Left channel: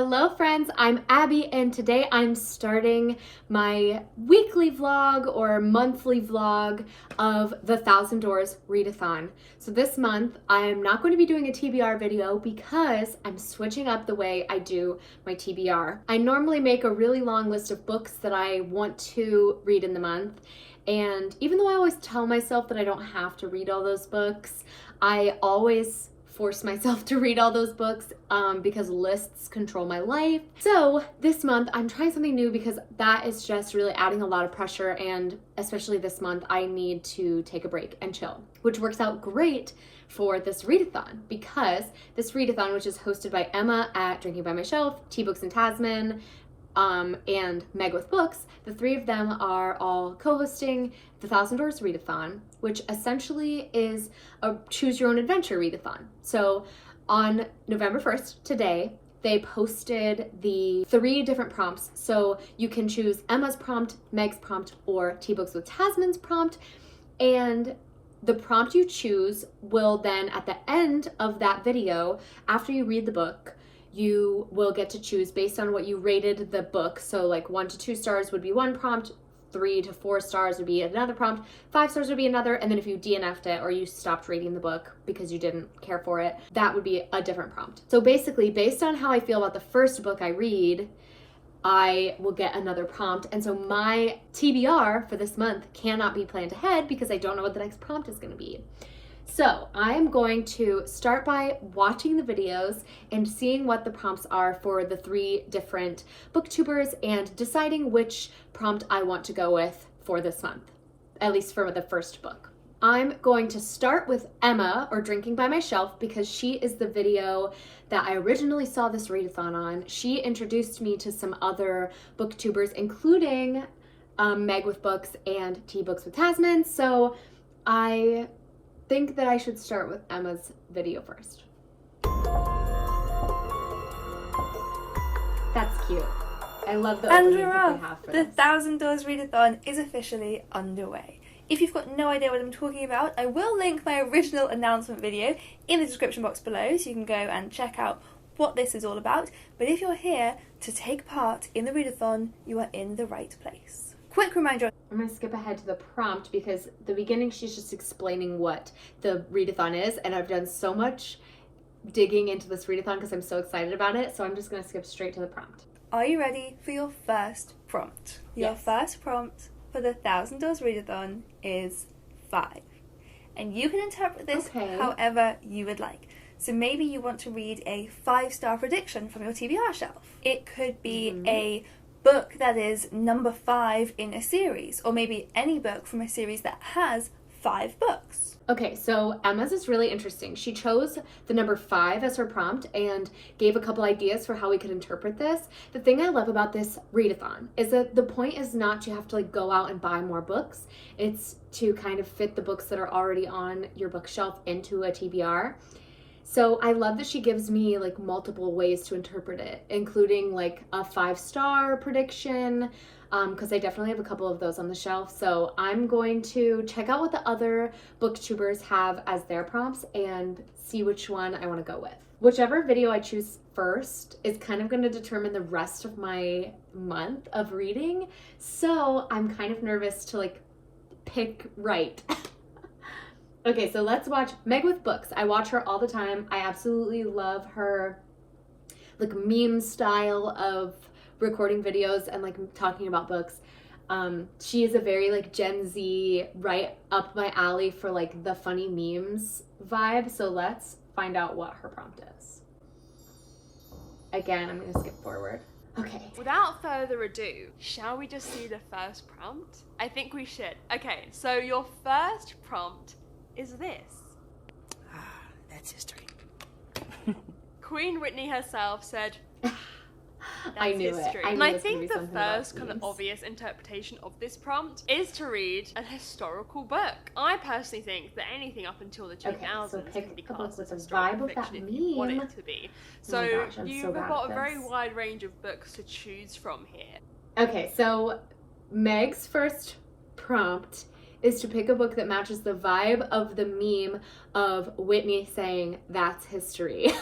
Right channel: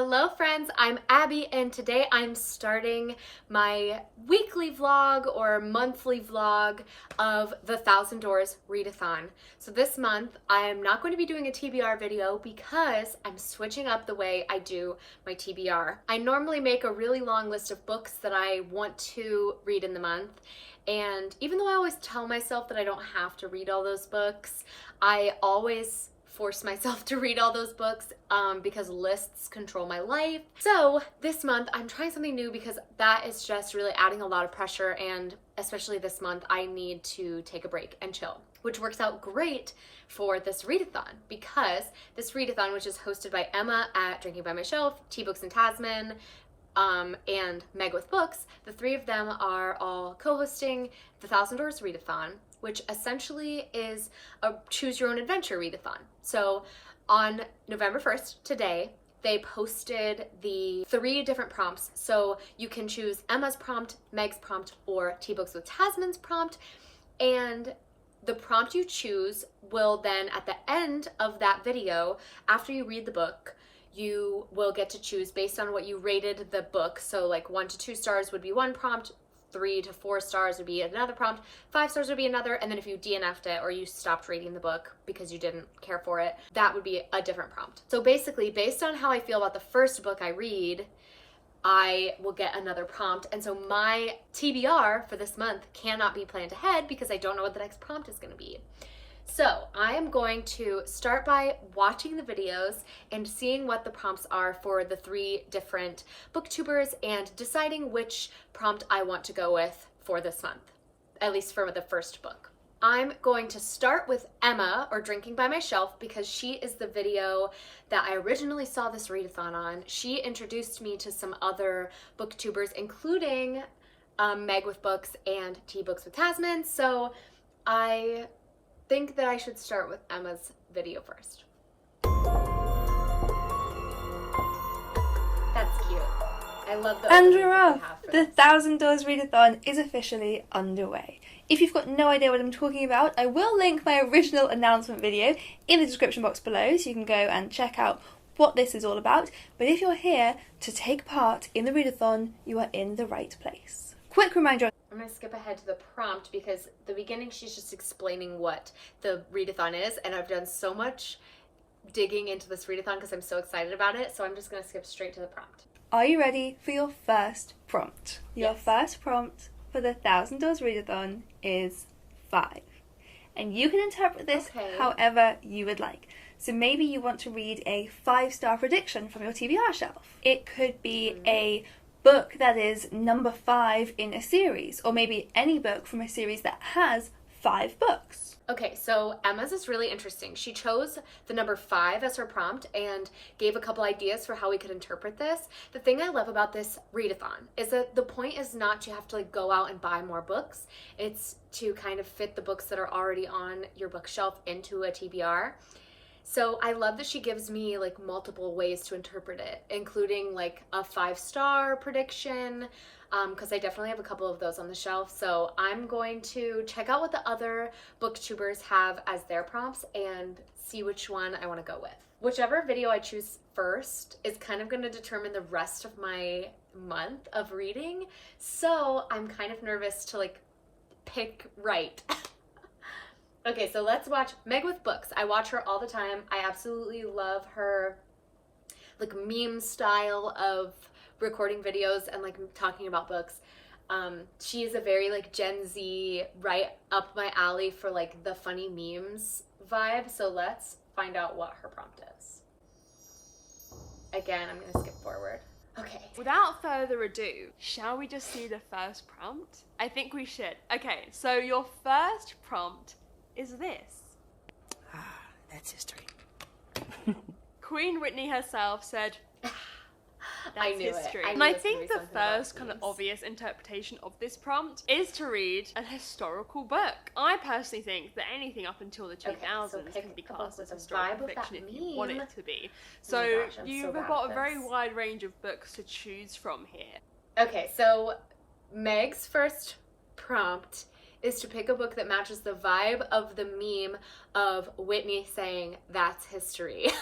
Hello friends, I'm Abby and today I'm starting my weekly vlog or monthly vlog of the 1,000 Doors Readathon. So this month I am not going to be doing a TBR video because I'm switching up the way I do my TBR. I normally make a really long list of books that I want to read in the month, and even though I always tell myself that I don't have to read all those books, I always force myself to read all those books because lists control my life. So this month I'm trying something new because that is just really adding a lot of pressure, and especially this month I need to take a break and chill, which works out great for this readathon because this readathon, which is hosted by Emma at Drinking by My Shelf, Tea Books in Tasman, and Meg with Books, the three of them are all co-hosting the 1,000 Doors Readathon, which essentially is a choose your own adventure readathon. So on November 1st, today, they posted the 3 different prompts. So you can choose Emma's prompt, Meg's prompt, or Tea Books with Tasman's prompt. And the prompt you choose will then, at the end of that video, after you read the book, you will get to choose based on what you rated the book. So like 1 to 2 stars would be one prompt, 3 to 4 stars would be another prompt, 5 stars would be another, and then if you DNF'd it or you stopped reading the book because you didn't care for it, that would be a different prompt. So basically, based on how I feel about the first book I read, I will get another prompt. And so my TBR for this month cannot be planned ahead because I don't know what the next prompt is going to be. So I'm going to start by watching the videos and seeing what the prompts are for the 3 different booktubers and deciding which prompt I want to go with for this month, at least for the first book. I'm going to start with Emma, or Drinking by My Shelf, because she is the video that I originally saw this readathon on. She introduced me to some other booktubers, including Meg with Books and Tea Books with Tasman, so I think that I should start with Emma's video first. That's cute. I love the And we're off! The 1,000 Doors Readathon is officially underway. If you've got no idea what I'm talking about, I will link my original announcement video in the description box below so you can go and check out what this is all about. But if you're here to take part in the readathon, you are in the right place. Quick reminder. I'm going to skip ahead to the prompt because the beginning she's just explaining what the readathon is, and I've done so much digging into this readathon because I'm so excited about it, so I'm just going to skip straight to the prompt. Are you ready for your first prompt? Your Yes. first prompt for the 1,000 Doors Readathon is 5. And you can interpret this however you would like. So maybe you want to read a 5-star prediction from your TBR shelf. It could be a book that is number 5 in a series, or maybe any book from a series that has 5 books. Okay, so Emma's is really interesting. She chose the number 5 as her prompt and gave a couple ideas for how we could interpret this. The thing I love about this readathon is that the point is not to have to like go out and buy more books. It's to kind of fit the books that are already on your bookshelf into a TBR. So I love that she gives me like multiple ways to interpret it, including like a 5-star prediction, because I definitely have a couple of those on the shelf. So I'm going to check out what the other booktubers have as their prompts and see which one I want to go with. Whichever video I choose first is kind of going to determine the rest of my month of reading. So I'm kind of nervous to like pick right. Okay, so let's watch Meg with Books. I watch her all the time. I absolutely love her like meme style of recording videos and like talking about books. She is a very like Gen Z, right up my alley for like the funny memes vibe. So let's find out what her prompt is. Again, I'm gonna skip forward. Okay. Without further ado, shall we just see the first prompt? I think we should. Okay, so your first prompt is this. That's history. Queen Whitney herself said, I that's knew history. it. I And knew I it was gonna think be the something about first kind of memes. obvious interpretation of this prompt is to read a historical book. I personally think that anything up until the 2000s so pick can be a book classed with as the historical vibe of that fiction if you want meme. it to be. Oh my So gosh, I'm you've so bad got at a very this. wide range of books to choose from here. Okay, so Meg's first prompt is to pick a book that matches the vibe of the meme of Whitney saying, "That's history."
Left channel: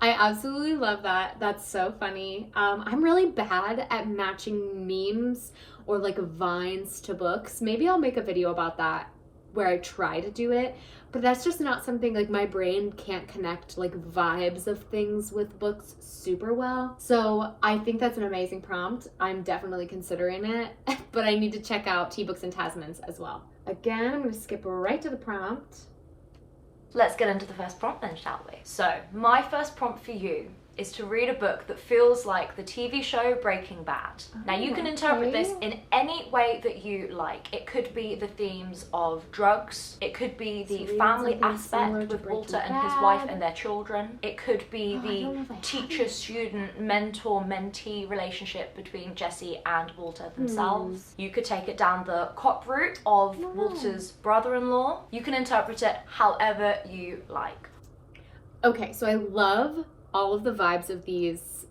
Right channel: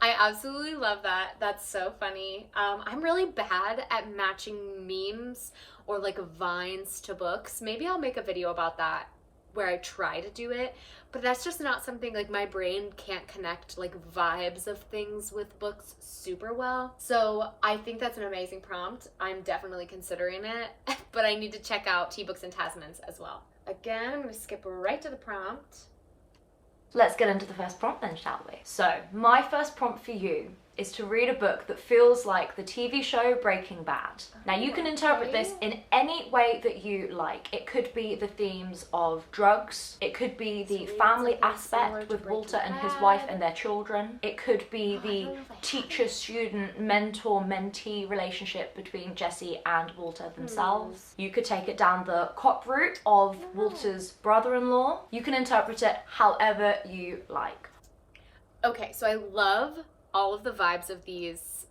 I absolutely love that. That's so funny. I'm really bad at matching memes or like vines to books. Maybe I'll make a video about that where I try to do it, but that's just not something, like, my brain can't connect like vibes of things with books super well. So I think that's an amazing prompt. I'm definitely considering it, but I need to check out Tea Books and Tasmans as well. Again, I'm gonna skip right to the prompt. Let's get into the first prompt then, shall we? So, my first prompt for you is to read a book that feels like the TV show Breaking Bad. Now, you can interpret this in any way that you like. It could be the themes of drugs. It could be the family aspect with Walter and his wife and their children. It could be the teacher-student, mentor-mentee relationship between Jesse and Walter themselves. You could take it down the cop route of Walter's brother-in-law. You can interpret it however you like. Okay, so I love all of the vibes of these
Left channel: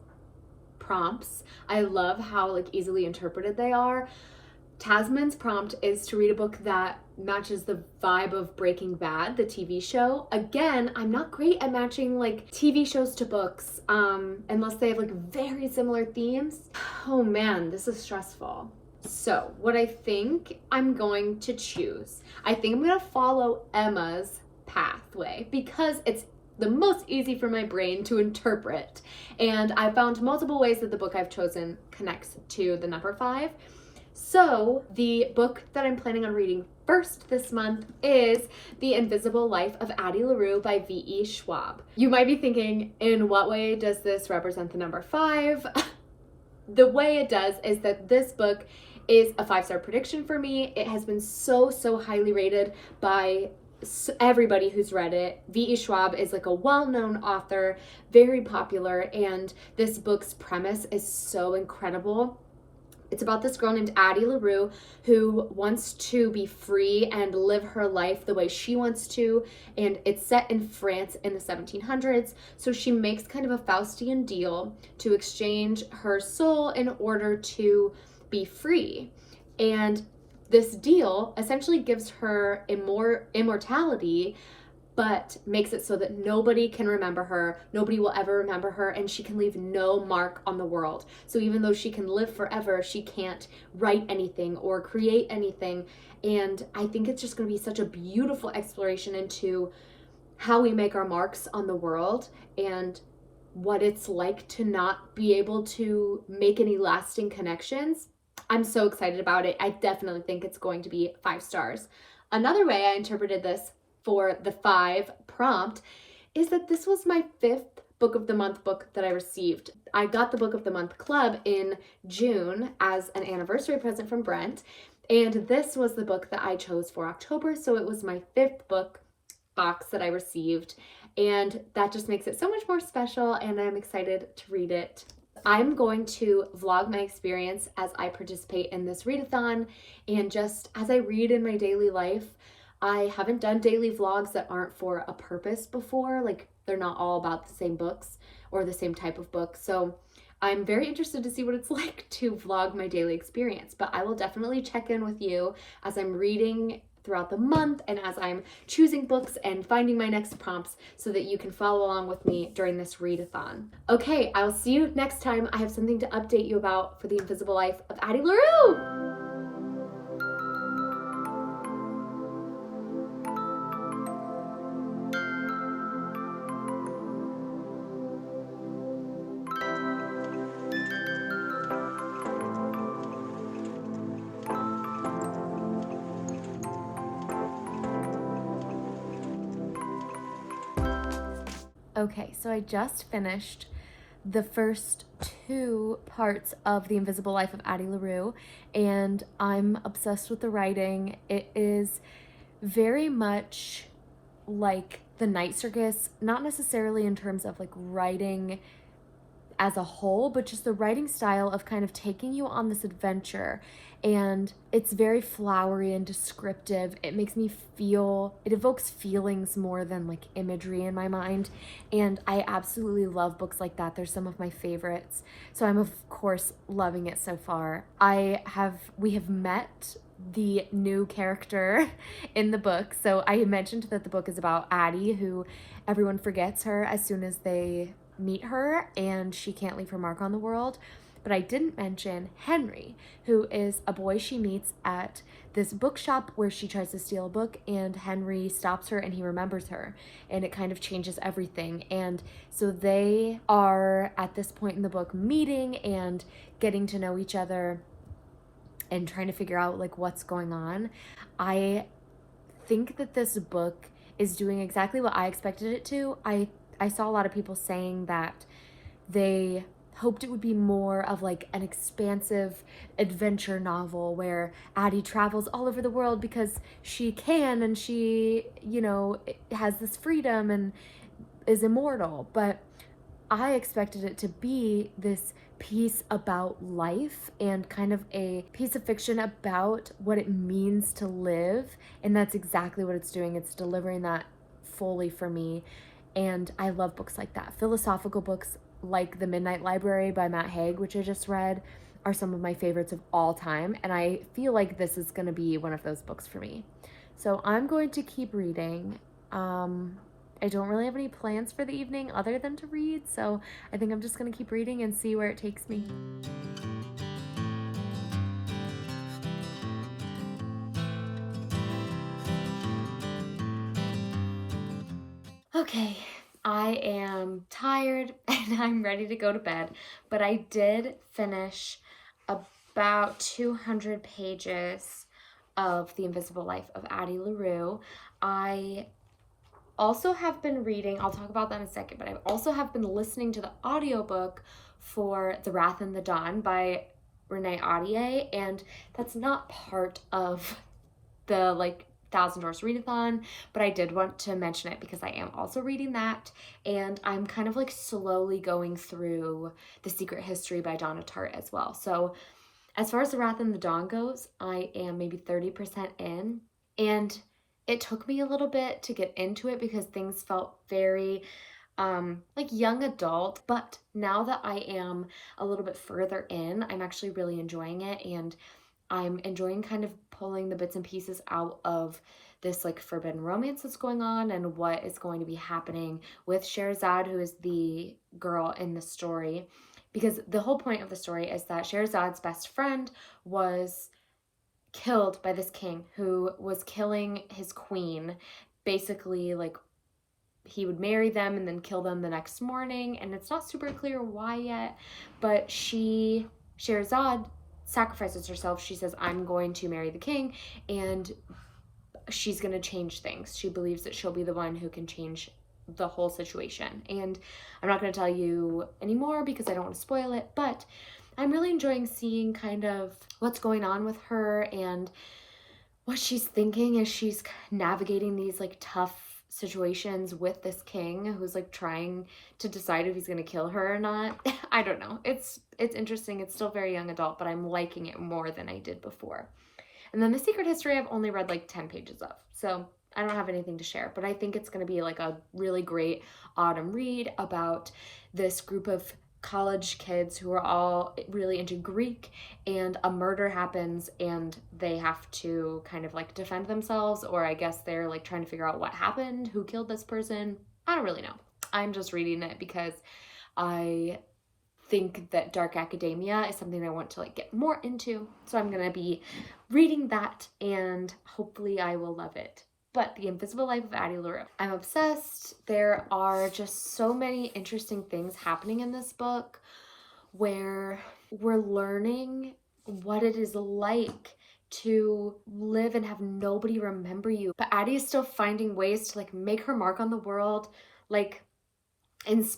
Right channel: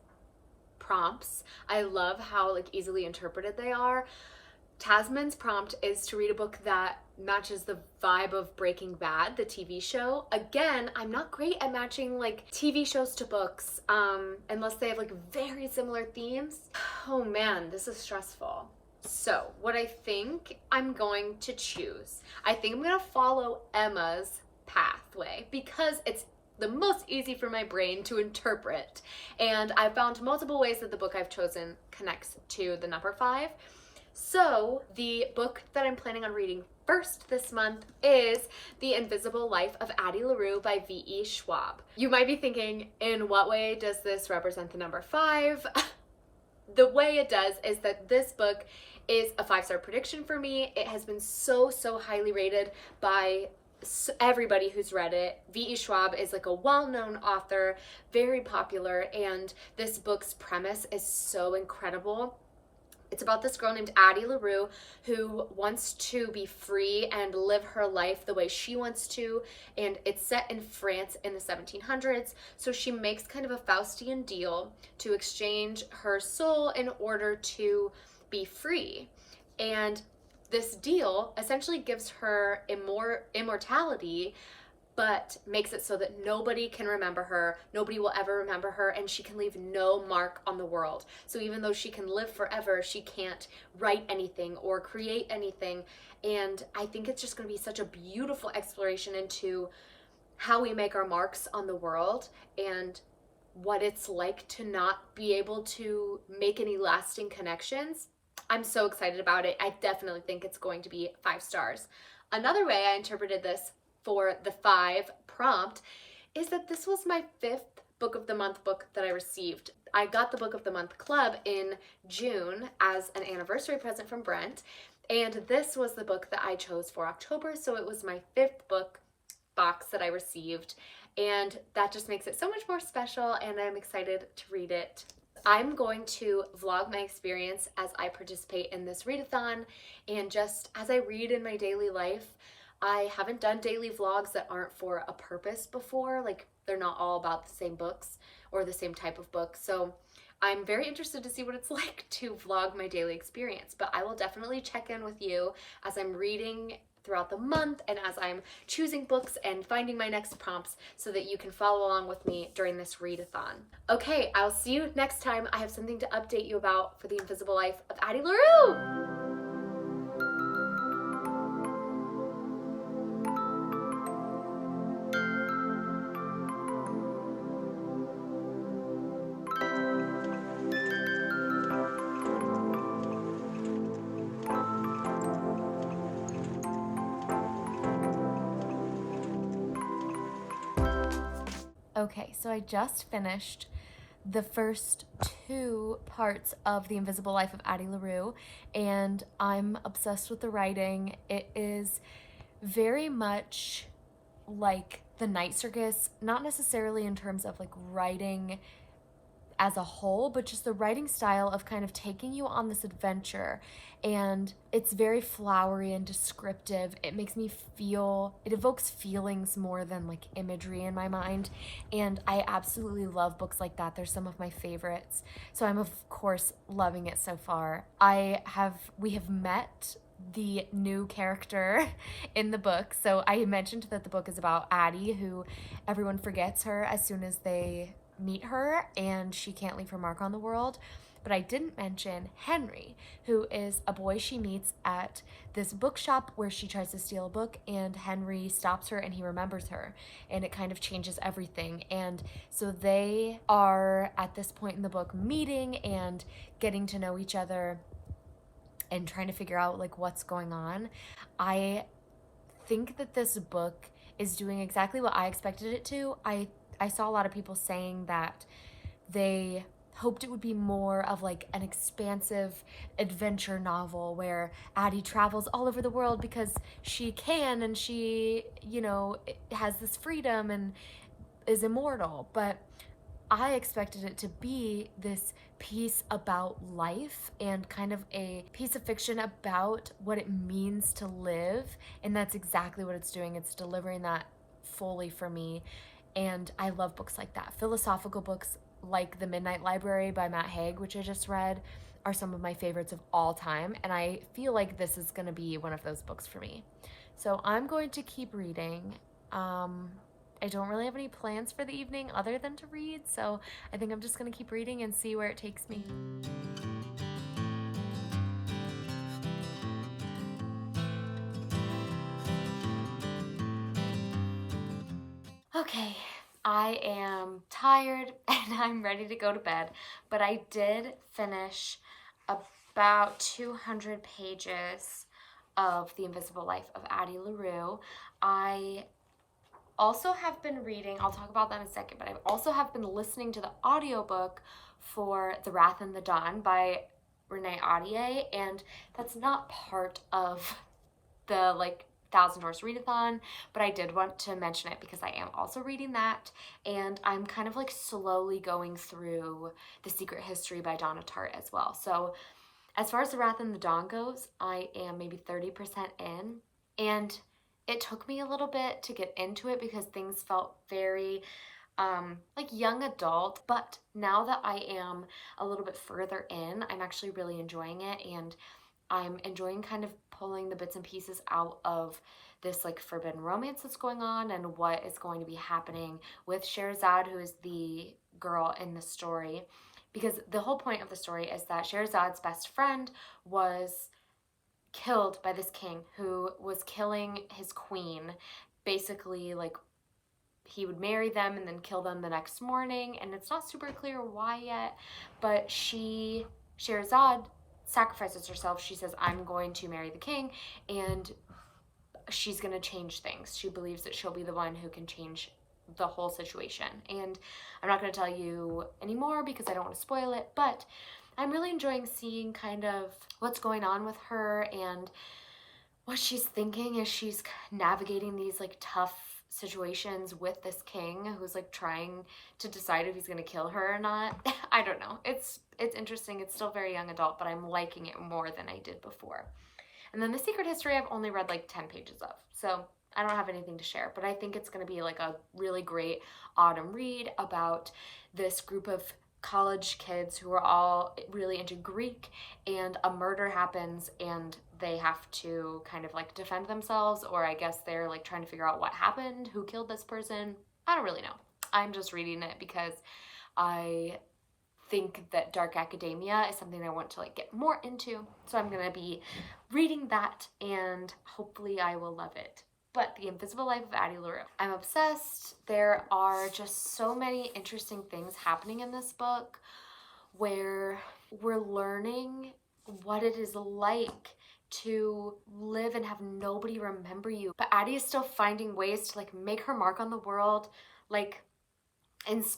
prompts. I love how like easily interpreted they are. Tasman's prompt is to read a book that matches the vibe of Breaking Bad, the TV show. Again, I'm not great at matching like TV shows to books, unless they have like very similar themes. Oh man, this is stressful. So what I think I'm going to choose, I think I'm gonna follow Emma's pathway because it's the most easy for my brain to interpret. And I found multiple ways that the book I've chosen connects to the number 5. So the book that I'm planning on reading first this month is The Invisible Life of Addie Larue by VE Schwab. You might be thinking, in what way does this represent the number 5? The way it does is that this book is a 5-star prediction for me. It has been so highly rated by everybody who's read it. VE Schwab is like a well-known author, very popular, and this book's premise is so incredible. It's about this girl named Addie Larue who wants to be free and live her life the way she wants to, and it's set in France in the 1700s. So she makes kind of a Faustian deal to exchange her soul in order to be free. And this deal essentially gives her immortality, but makes it so that nobody can remember her, nobody will ever remember her, and she can leave no mark on the world. So even though she can live forever, she can't write anything or create anything. And I think it's just going to be such a beautiful exploration into how we make our marks on the world and what it's like to not be able to make any lasting connections. I'm so excited about it. I definitely think it's going to be 5 stars. Another way I interpreted this for the 5 prompt is that this was my 5th Book of the Month book that I received. I got the Book of the Month Club in June as an anniversary present from Brent, and this was the book that I chose for October, so it was my 5th book box that I received, and that just makes it so much more special, and I'm excited to read it. I'm going to vlog my experience as I participate in this readathon, and just as I read in my daily life. I haven't done daily vlogs that aren't for a purpose before, like they're not all about the same books or the same type of book. So I'm very interested to see what it's like to vlog my daily experience, but I will definitely check in with you as I'm reading throughout the month and as I'm choosing books and finding my next prompts so that you can follow along with me during this readathon. Okay, I'll see you next time. I have something to update you about for The Invisible Life of Addie Larue. Okay, so I just finished the first 2 parts of The Invisible Life of Addie Larue, and I'm obsessed with the writing. It is very much like The Night Circus, not necessarily in terms of like writing as a whole, but just the writing style of kind of taking you on this adventure. And it's very flowery and descriptive. It makes me feel, it evokes feelings more than like imagery in my mind. And I absolutely love books like that. They're some of my favorites. So I'm of course loving it so far. We have met the new character in the book. So I mentioned that the book is about Addie, who everyone forgets her as soon as they meet her and she can't leave her mark on the world. But I didn't mention Henry, who is a boy she meets at this bookshop where she tries to steal a book, and Henry stops her and he remembers her, and it kind of changes everything. And so they are at this point in the book meeting and getting to know each other and trying to figure out like what's going on. I think that this book is doing exactly what I expected it to. I saw a lot of people saying that they hoped it would be more of like an expansive adventure novel where Addie travels all over the world because she can, and she, you know, has this freedom and is immortal. But I expected it to be this piece about life and kind of a piece of fiction about what it means to live, and that's exactly what it's doing. It's delivering that fully for me, and I love books like that. Philosophical books like The Midnight Library by Matt Haig, which I just read, are some of my favorites of all time, and I feel like this is going to be one of those books for me. So I'm going to keep reading. I don't really have any plans for the evening other than to read, so I think I'm just going to keep reading and see where it takes me. Okay, I am tired and I'm ready to go to bed, but I did finish about 200 pages of The Invisible Life of Addie Larue. I also have been reading, I'll talk about that in a second, but I also have been listening to the audiobook for The Wrath and the Dawn by Renee Audie, and that's not part of the like 1,000 Doors Readathon, but I did want to mention it because I am also reading that, and I'm kind of like slowly going through The Secret History by Donna Tartt as well. So as far as The Wrath and the Dawn goes, I am maybe 30% in, and it took me a little bit to get into it because things felt very like young adult, but now that I am a little bit further in, I'm actually really enjoying it, and I'm enjoying kind of pulling the bits and pieces out of this like forbidden romance that's going on and what is going to be happening with Scheherazade, who is the girl in the story, because the whole point of the story is that Scheherazade's best friend was killed by this king who was killing his queen. Basically, like, he would marry them and then kill them the next morning, and it's not super clear why yet, but Scheherazade sacrifices herself. She says, I'm going to marry the king, and she's going to change things. She believes that she'll be the one who can change the whole situation, and I'm not going to tell you anymore because I don't want to spoil it, but I'm really enjoying seeing kind of what's going on with her and what she's thinking as she's navigating these like tough situations with this king who's like trying to decide if he's going to kill her or not. I don't know. It's interesting. It's still very young adult, but I'm liking it more than I did before. And then The Secret History I've only read like 10 pages of, so I don't have anything to share, but I think it's going to be like a really great autumn read about this group of college kids who are all really into Greek, and a murder happens and they have to kind of like defend themselves, or I guess they're like trying to figure out what happened, who killed this person. I don't really know. I'm just reading it because I think that dark academia is something I want to like get more into, so I'm gonna be reading that and hopefully I will love it. But The Invisible Life of Addie Larue, I'm obsessed. There are just so many interesting things happening in this book where we're learning what it is like to live and have nobody remember you. But Addie is still finding ways to like make her mark on the world, like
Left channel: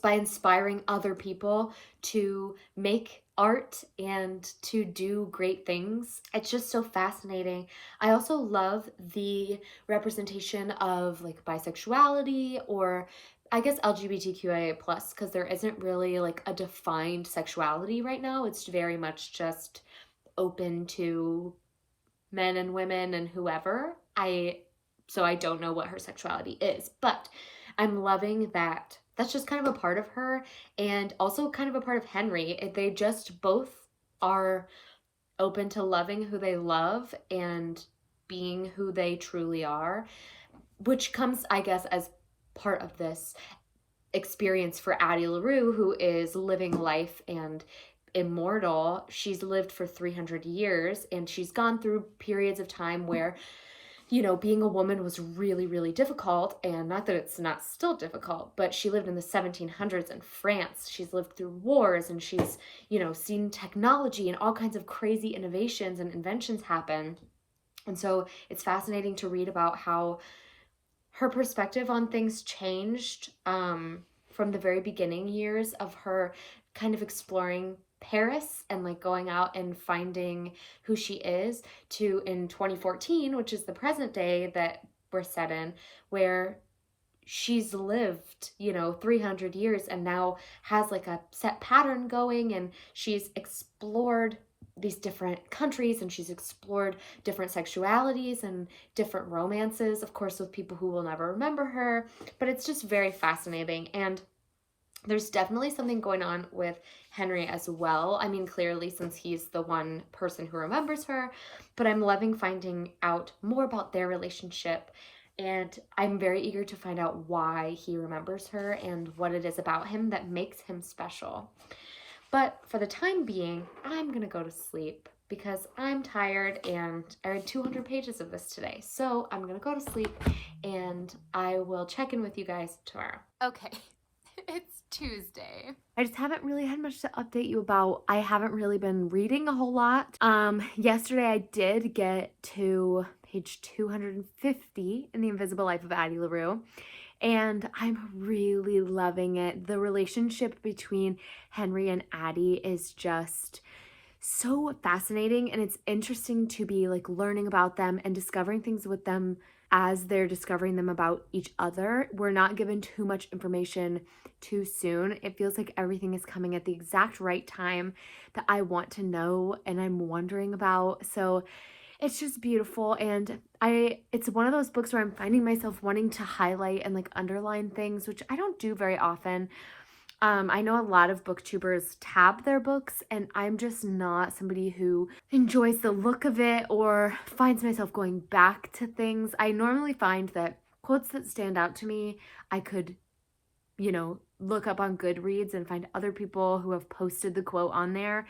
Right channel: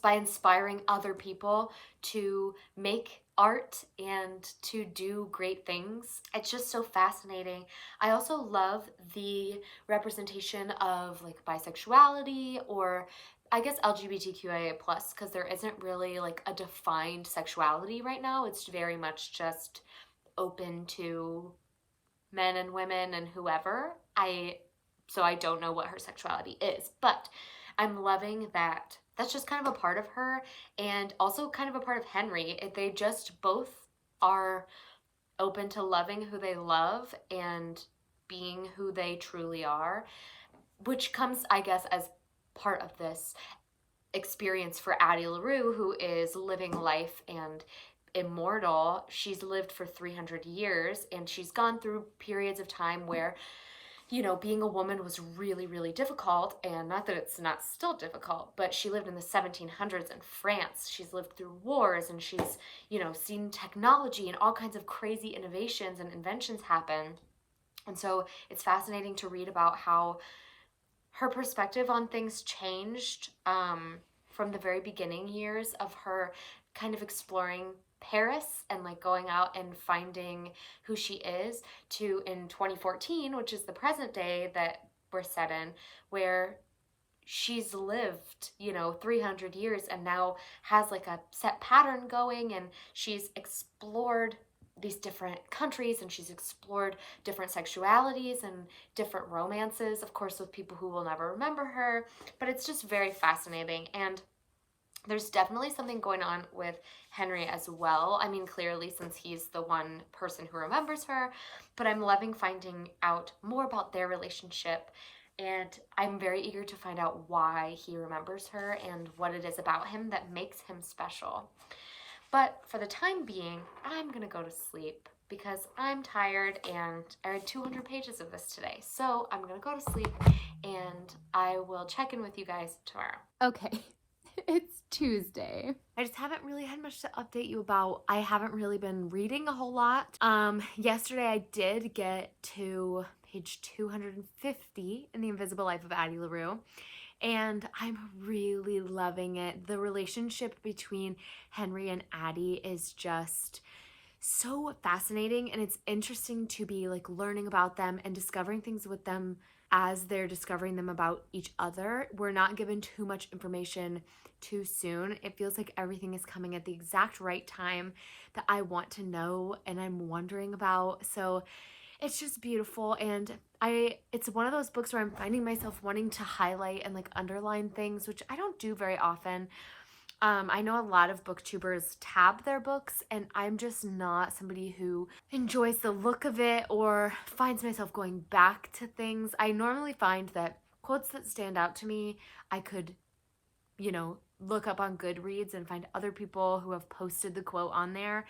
by inspiring other people to make art and to do great things. It's just so fascinating. I also love the representation of like bisexuality, or I guess LGBTQIA+, because there isn't really like a defined sexuality right now. It's very much just open to men and women and whoever. So I don't know what her sexuality is, but I'm loving that that's just kind of a part of her, and also kind of a part of Henry. They just both are open to loving who they love and being who they truly are, which comes, I guess, as part of this. experience for Addie Larue, who is living life and immortal. She's lived for 300 years, and she's gone through periods of time where, you know, being a woman was really, really difficult. And not that it's not still difficult, but she lived in the 1700s in France. She's lived through wars, and she's, you know, seen technology and all kinds of crazy innovations and inventions happen. And so it's fascinating to read about how her perspective on things changed from the very beginning years of her kind of exploring Paris and like going out and finding who she is, to in 2014, which is the present day that we're set in, where she's lived, you know, 300 years and now has like a set pattern going, and she's explored these different countries, and she's explored different sexualities and different romances, of course, with people who will never remember her. But it's just very fascinating. And there's definitely something going on with Henry as well. I mean, clearly, since he's the one person who remembers her, but I'm loving finding out more about their relationship. And I'm very eager to find out why he remembers her and what it is about him that makes him special. But for the time being, I'm going to go to sleep because I'm tired, and I read 200 pages of this today. So I'm going to go to sleep, and I will check in with you guys tomorrow. Okay, it's Tuesday. I just haven't really had much to update you about. I haven't really been reading a whole lot. Yesterday I did get to page 250 in The Invisible Life of Addie Larue, and I'm really loving it. The relationship between Henry and Addie is just so fascinating, and it's interesting to be like learning about them and discovering things with them as they're discovering them about each other. We're not given too much information too soon. It feels like everything is coming at the exact right time that I want to know and I'm wondering about. So it's just beautiful, and it's one of those books where I'm finding myself wanting to highlight and like underline things, which I don't do very often. I know a lot of booktubers tab their books, and I'm just not somebody who enjoys the look of it or finds myself going back to things. I normally find that quotes that stand out to me, I could, you know, look up on Goodreads and find other people who have posted the quote on there.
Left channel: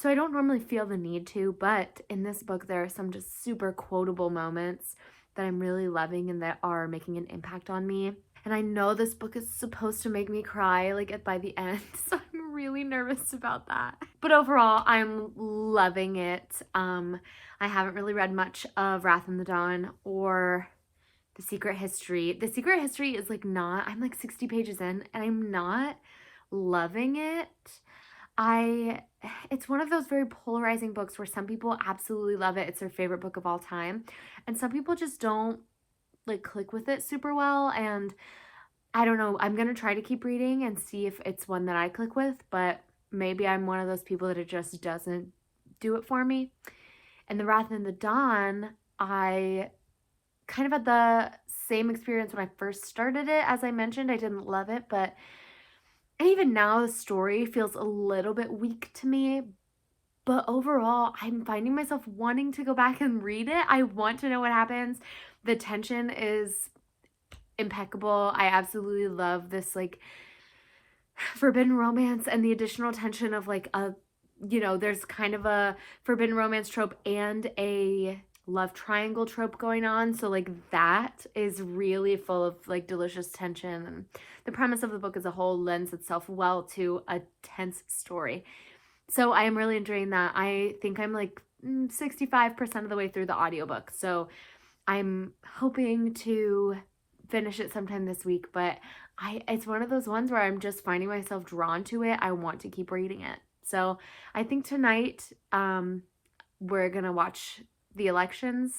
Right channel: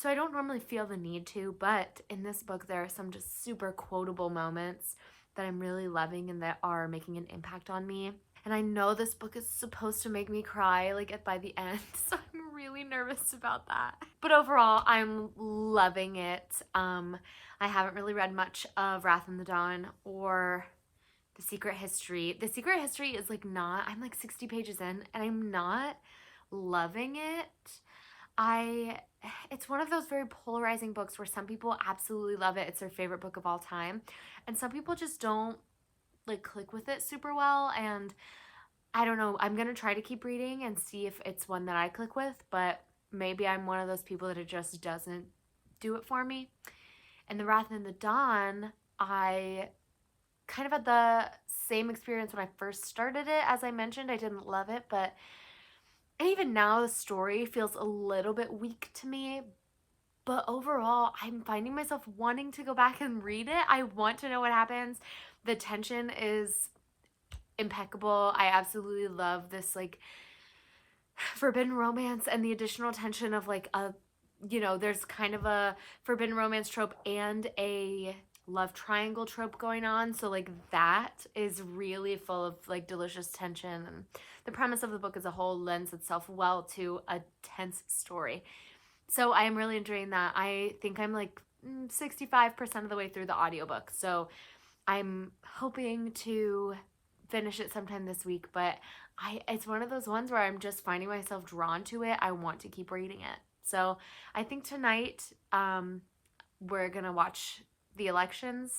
So I don't normally feel the need to, but in this book there are some just super quotable moments that I'm really loving and that are making an impact on me. And I know this book is supposed to make me cry like by the end, so I'm really nervous about that. But overall, I'm loving it. I haven't really read much of Wrath in the Dawn or The Secret History. The Secret History is like I'm like 60 pages in and I'm not loving it. It's one of those very polarizing books where some people absolutely love it. It's their favorite book of all time. And some people just don't like click with it super well. And I don't know, I'm going to try to keep reading and see if it's one that I click with, but maybe I'm one of those people that it just doesn't do it for me. And The Wrath in the Dawn, I kind of had the same experience when I first started it. As I mentioned, I didn't love it, and even now the story feels a little bit weak to me, but overall I'm finding myself wanting to go back and read it. I want to know what happens. The tension is impeccable. I absolutely love this like forbidden romance and the additional tension of like there's kind of a forbidden romance trope and a love triangle trope going on. So like that is really full of like delicious tension, and the premise of the book as a whole lends itself well to a tense story. So I am really enjoying that. I think I'm like 65% of the way through the audiobook. So I'm hoping to finish it sometime this week, but it's one of those ones where I'm just finding myself drawn to it. I want to keep reading it. So I think tonight we're going to watch the elections.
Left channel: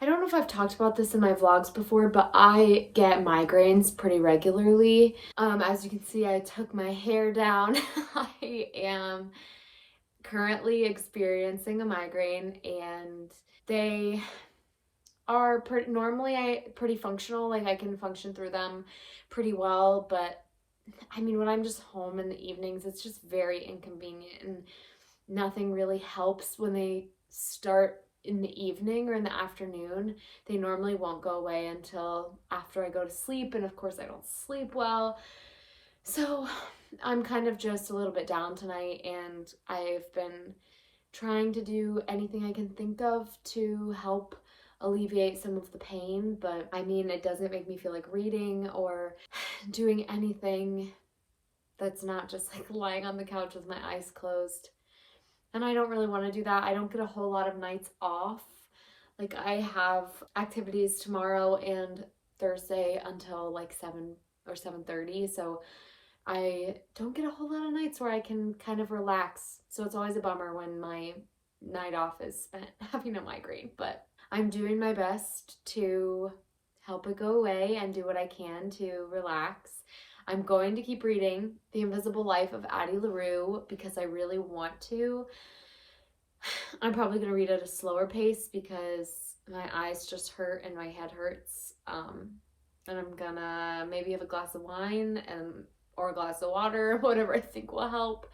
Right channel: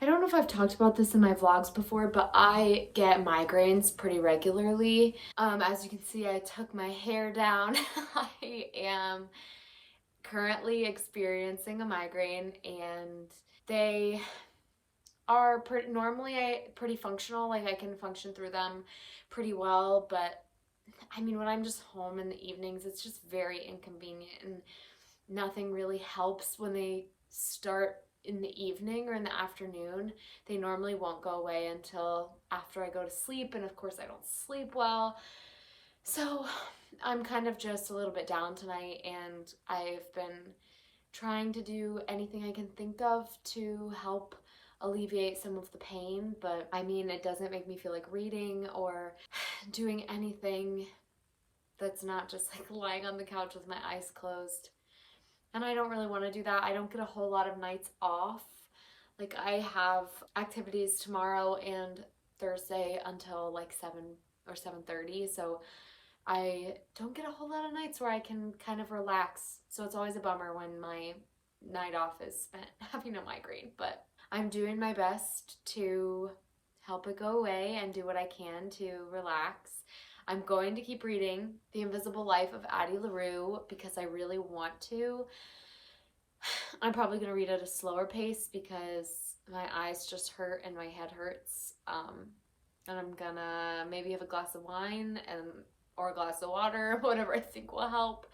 I don't know if I've talked about this in my vlogs before, but I get migraines pretty regularly. As you can see, I took my hair down. I am currently experiencing a migraine, and they are normally pretty functional. Like I can function through them pretty well, but I mean, when I'm just home in the evenings, it's just very inconvenient, and nothing really helps when they start in the evening or in the afternoon. They normally won't go away until after I go to sleep, and of course I don't sleep well. So I'm kind of just a little bit down tonight, and I've been trying to do anything I can think of to help alleviate some of the pain, but I mean, it doesn't make me feel like reading or doing anything that's not just like lying on the couch with my eyes closed. And I don't really want to do that. I don't get a whole lot of nights off. Like, I have activities tomorrow and Thursday until like 7 or 7:30, so I don't get a whole lot of nights where I can kind of relax. So it's always a bummer when my night off is spent having a migraine, but I'm doing my best to help it go away and do what I can to relax. I'm going to keep reading The Invisible Life of Addie Larue because I really want to. I'm probably going to read at a slower pace because my eyes just hurt and my head hurts. And I'm gonna maybe have a glass of wine or a glass of water, whatever I think will help,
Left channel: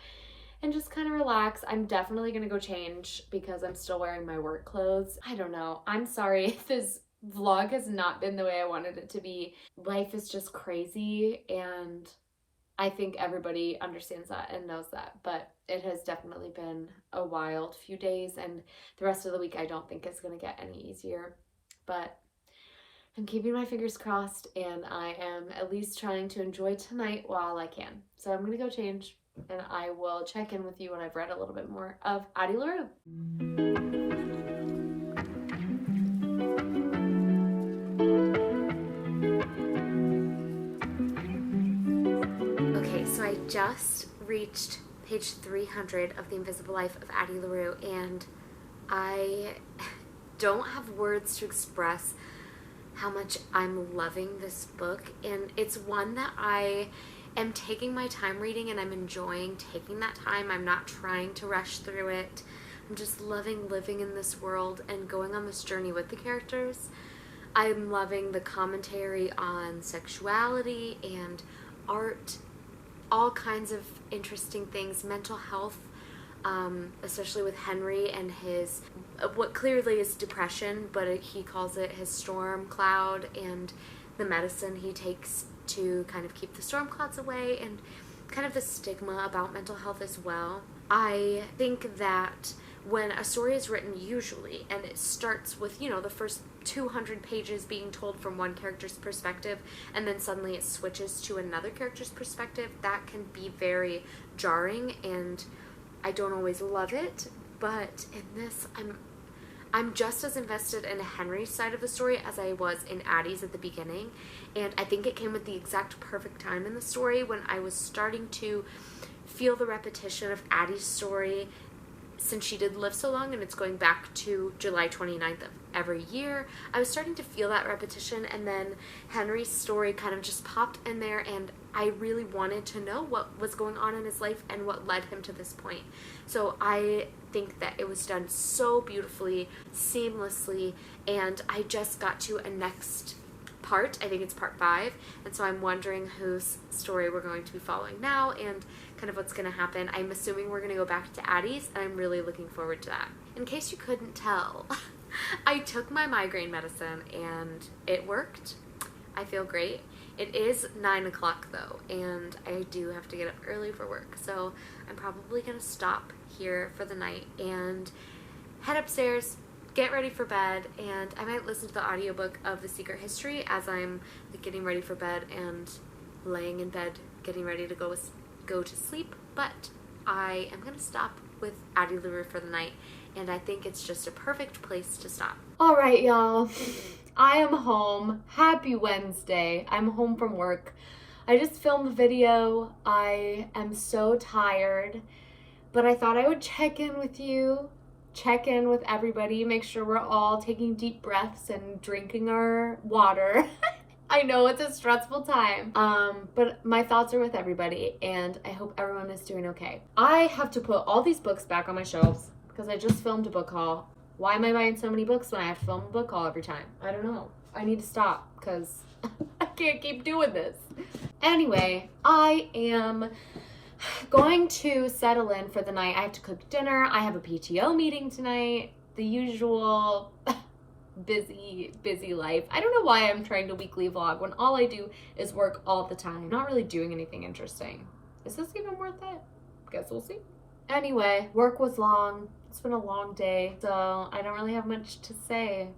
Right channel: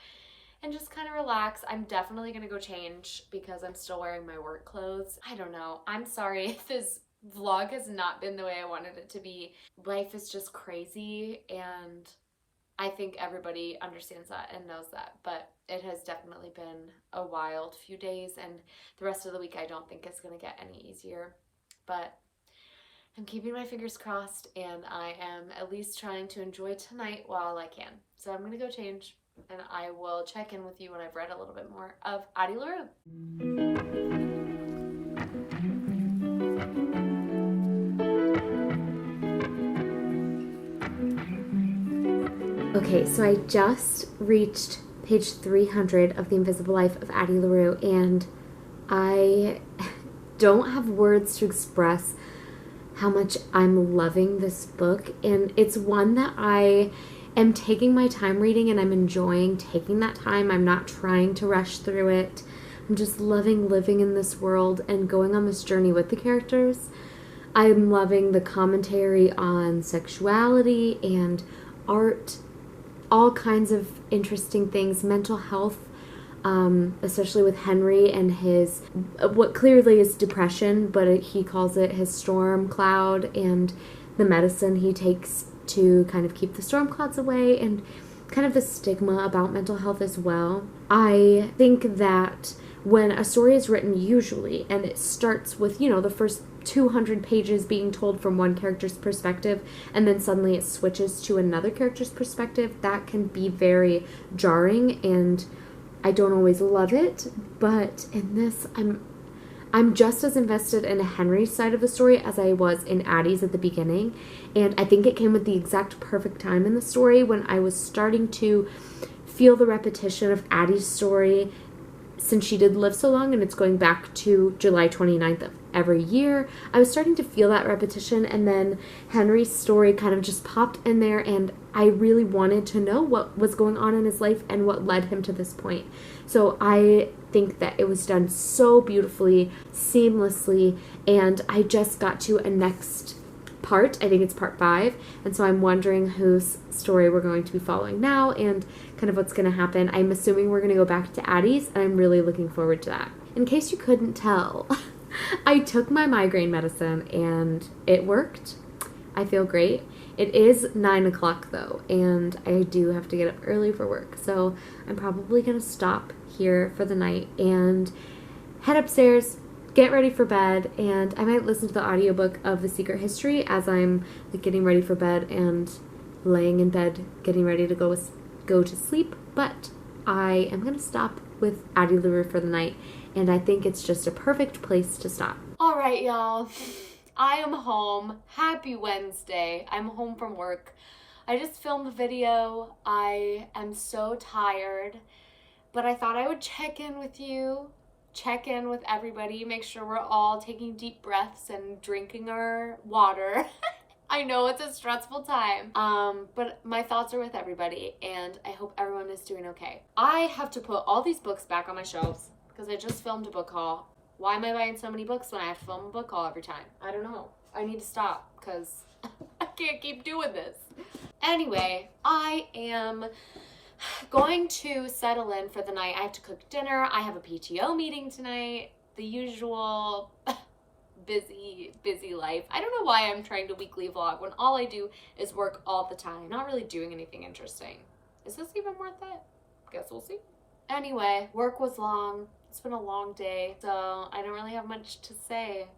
and just kind of relax. I'm definitely gonna go change because I'm still wearing my work clothes. I don't know. I'm sorry if this vlog has not been the way I wanted it to be. Life is just crazy, and I think everybody understands that and knows that, but it has definitely been a wild few days, and the rest of the week I don't think it's gonna get any easier, but I'm keeping my fingers crossed, and I am at least trying to enjoy tonight while I can. So I'm gonna go change, and I will check in with you when I've read a little bit more of Addie Larue. Okay, so I just reached page 300 of The Invisible Life of Addie Larue, and I don't have words to express how much I'm loving this book. And it's one that I am taking my time reading, and I'm enjoying taking that time. I'm not trying to rush through it. I'm just loving living in this world and going on this journey with the characters. I'm loving the commentary on sexuality and art, all kinds of interesting things, mental health, especially with Henry and his, what clearly is depression, but he calls it his storm cloud, and the medicine he takes to kind of keep the storm clouds away, and kind of the stigma about mental health as well. I think that when a story is written usually, and it starts with, you know, the first 200 pages being told from one character's perspective, and then suddenly it switches to another character's perspective, that can be very jarring, and I don't always love it. But in this, I'm just as invested in Henry's side of the story as I was in Addie's at the beginning, and I think it came at the exact perfect time in the story when I was starting to feel the repetition of Addie's story, since she did live so long and it's going back to July 29th of every year. I was starting to feel that repetition, and then Henry's story kind of just popped in there, and I really wanted to know what was going on in his life and what led him to this point. So I think that it was done so beautifully, seamlessly, and I just got to a next part. I think it's part 5, and so I'm wondering whose story we're going to be following now and kind of what's going to happen. I'm assuming we're going to go back to Addie's, and I'm really looking forward to that. In case you couldn't tell, I took my migraine medicine and it worked. I feel great. It is 9 o'clock though, and I do have to get up early for work, so I'm probably going to stop here for the night and head upstairs, get ready for bed, and I might listen to the audiobook of The Secret History as I'm getting ready for bed and laying in bed getting ready to go to sleep. But I am going to stop with Addie Larue for the night, and I think it's just a perfect place to stop. All right, y'all. I am home. Happy Wednesday. I'm home from work. I just filmed the video. I am so tired, but I thought I would check in with you, check in with everybody, make sure we're all taking deep breaths and drinking our water. I know it's a stressful time, but my thoughts are with everybody, and I hope everyone is doing okay. I have to put all these books back on my shelves because I just filmed a book haul. Why am I buying so many books when I have to film a book haul every time? I don't know. I need to stop because I can't keep doing this. Anyway, I am going to settle in for the night. I have to cook dinner. I have a PTO meeting tonight. the usual busy life. I don't know why I'm trying to weekly vlog when all I do is work all the time. Not really doing anything interesting. Is this even worth it? Guess we'll see. Anyway, work was long. It's been a long day, so I don't really have much to say.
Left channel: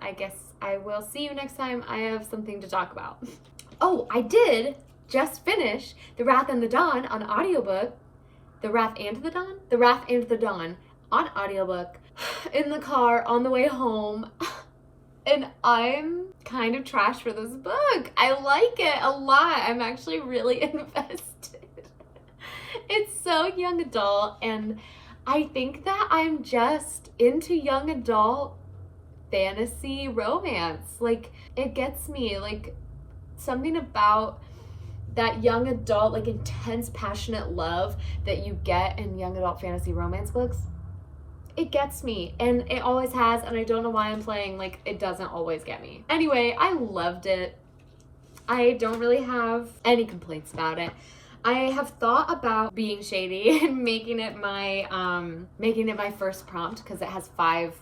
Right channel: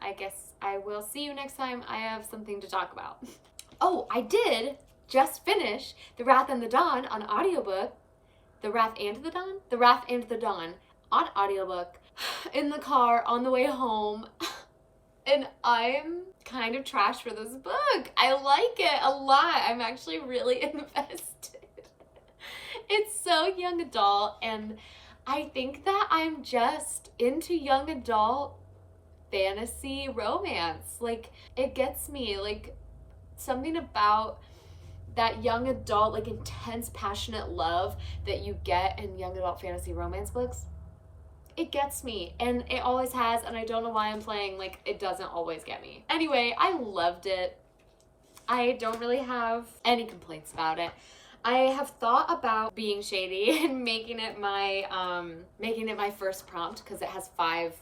I guess I will see you next time I have something to talk about. Oh, I did just finish The Wrath and the Dawn on audiobook. The Wrath and the Dawn? The Wrath and the Dawn on audiobook in the car on the way home. And I'm kind of trash for this book. I like it a lot. I'm actually really invested. It's so young adult, and I think that I'm just into young adult fantasy romance. Like, it gets me, like, something about that young adult, like, intense, passionate love that you get in young adult fantasy romance books. It gets me, and it always has, and I don't know why I'm playing like it doesn't always get me. Anyway, I loved it. I don't really have any complaints about it. I have thought about being shady and making it my first prompt because it has 5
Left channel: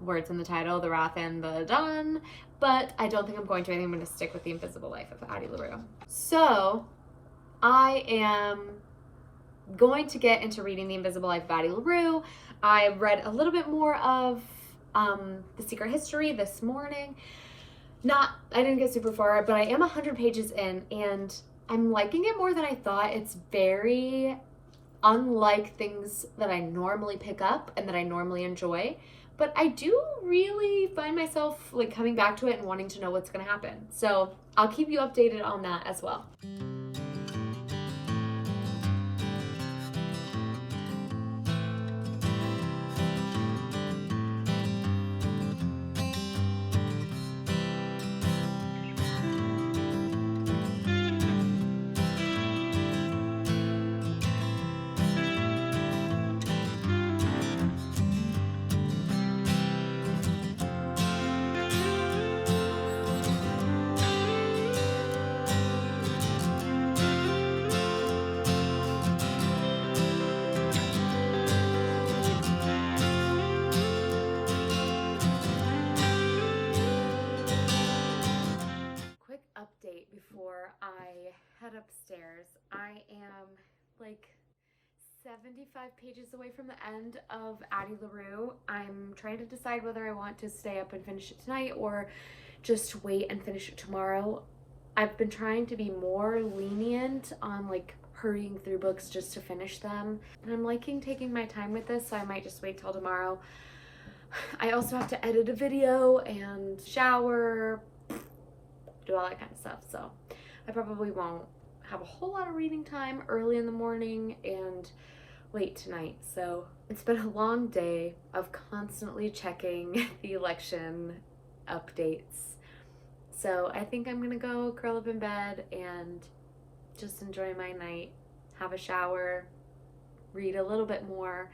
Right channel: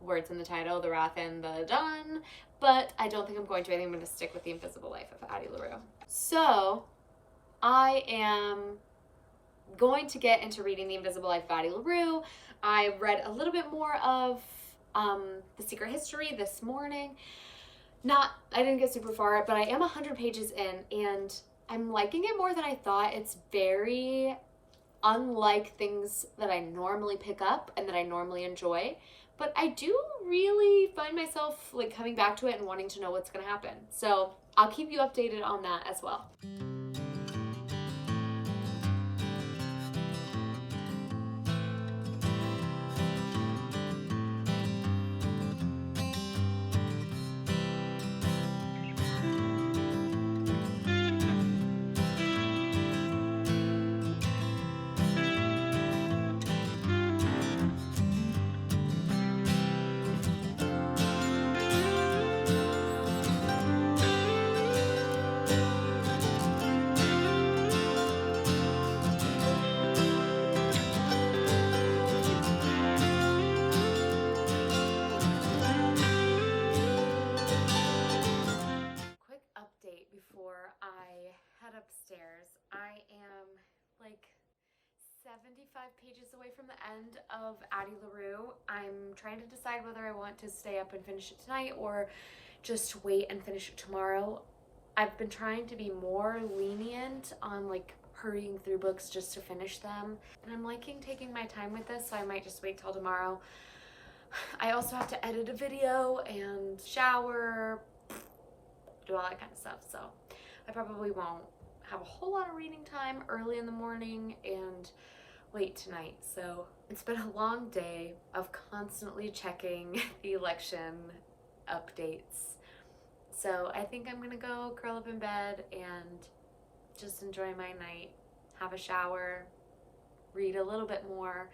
words in the title, The Wrath and the Dawn, but I don't think I'm going to. I think I'm going to stick with The Invisible Life of Addie Larue. So I am going to get into reading The Invisible Life of Addie Larue. I read a little bit more of The Secret History this morning. I didn't get super far, but I am 100 pages in, and I'm liking it more than I thought. It's very unlike things that I normally pick up and that I normally enjoy, but I do really find myself like coming back to it and wanting to know what's going to happen. So I'll keep you updated on that as well. Before I head upstairs, I am like 75 pages away from the end of Addie Larue. I'm trying to decide whether I want to stay up and finish it tonight or just wait and finish it tomorrow. I've been trying to be more lenient on like hurrying through books just to finish them, and I'm liking taking my time with this, so I might just wait till tomorrow. I also have to edit a video and shower, do all that kind of stuff, so I probably won't have a whole lot of reading time early in the morning and late tonight. So it's been a long day of constantly checking the election updates. So I think I'm gonna go curl up in bed and just enjoy my night, have a shower, read a little bit more.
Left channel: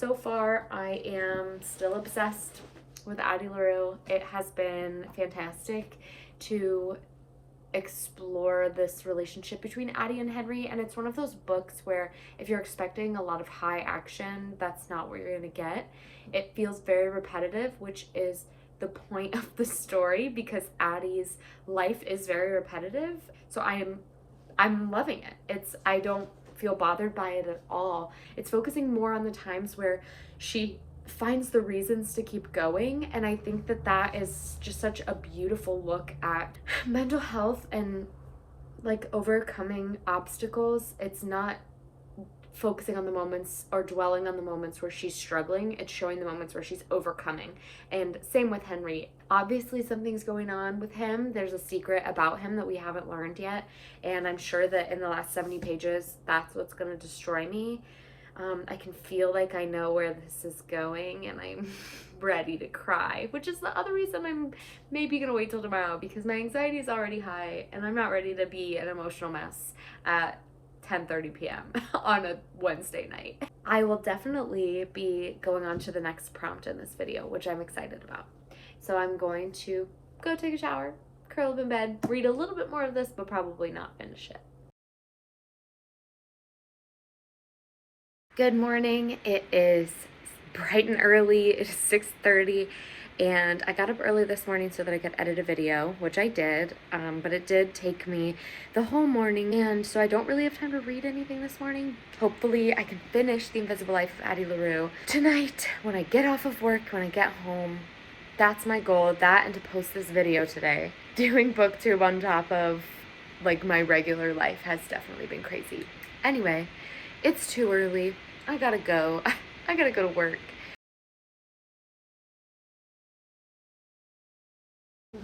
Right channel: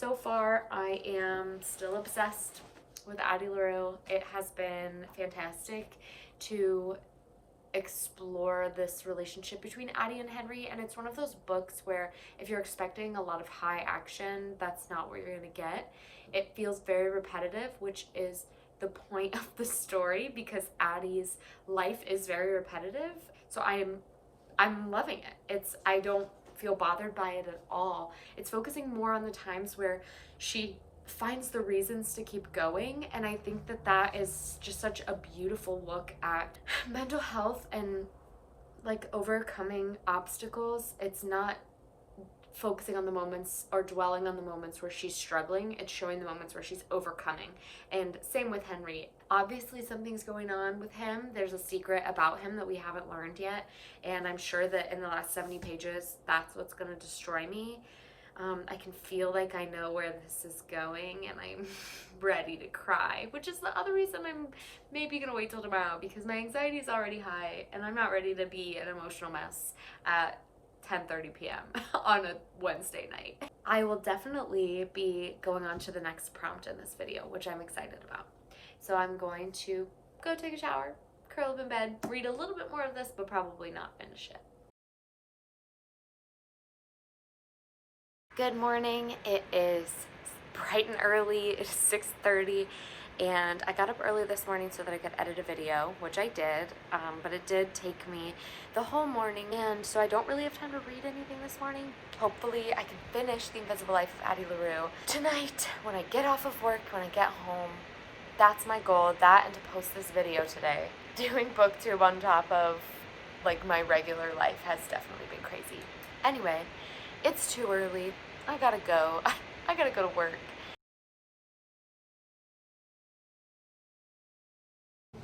So far, I am still obsessed with Addie Larue. It has been fantastic to explore this relationship between Addie and Henry, and it's one of those books where if you're expecting a lot of high action, that's not what you're gonna get. It feels very repetitive, which is the point of the story because Addie's life is very repetitive. So I'm loving it. I don't feel bothered by it at all. It's focusing more on the times where she finds the reasons to keep going, and I think that is just such a beautiful look at mental health and like overcoming obstacles. It's not focusing on the moments or dwelling on the moments where she's struggling. It's showing the moments where she's overcoming. And same with Henry. Obviously something's going on with him. There's a secret about him that we haven't learned yet, and I'm sure that in the last 70 pages that's what's going to destroy me. I can feel like I know where this is going, and I'm ready to cry, which is the other reason I'm maybe gonna wait till tomorrow, because my anxiety is already high and I'm not ready to be an emotional mess at 10:30 p.m. on a Wednesday night. I will definitely be going on to the next prompt in this video, which I'm excited about. So I'm going to go take a shower, curl up in bed, read a little bit more of this, but probably not finish it. Good morning. It is bright and early. It's 6:30 and I got up early this morning so that I could edit a video, which I did, but it did take me the whole morning, and so I don't really have time to read anything this morning. Hopefully I can finish The Invisible Life of Addie Larue tonight when I get off of work, when I get home. That's my goal, that and to post this video today. Doing booktube on top of like my regular life has definitely been crazy. Anyway, it's too early. I gotta go. I gotta go to work.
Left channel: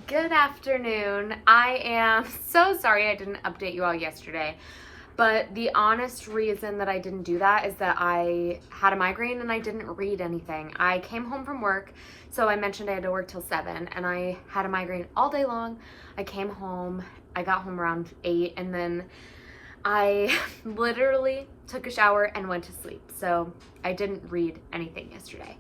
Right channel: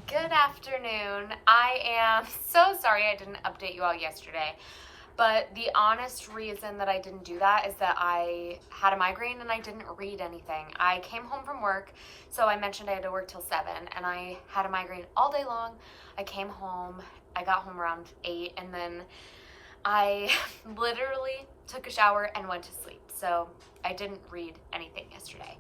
Good afternoon. I am so sorry I didn't update you all yesterday, but the honest reason that I didn't do that is that I had a migraine and I didn't read anything. I came home from work, so I mentioned I had to work till 7, and I had a migraine all day long. I came home, I got home around 8, and then I literally took a shower and went to sleep, so I didn't read anything yesterday.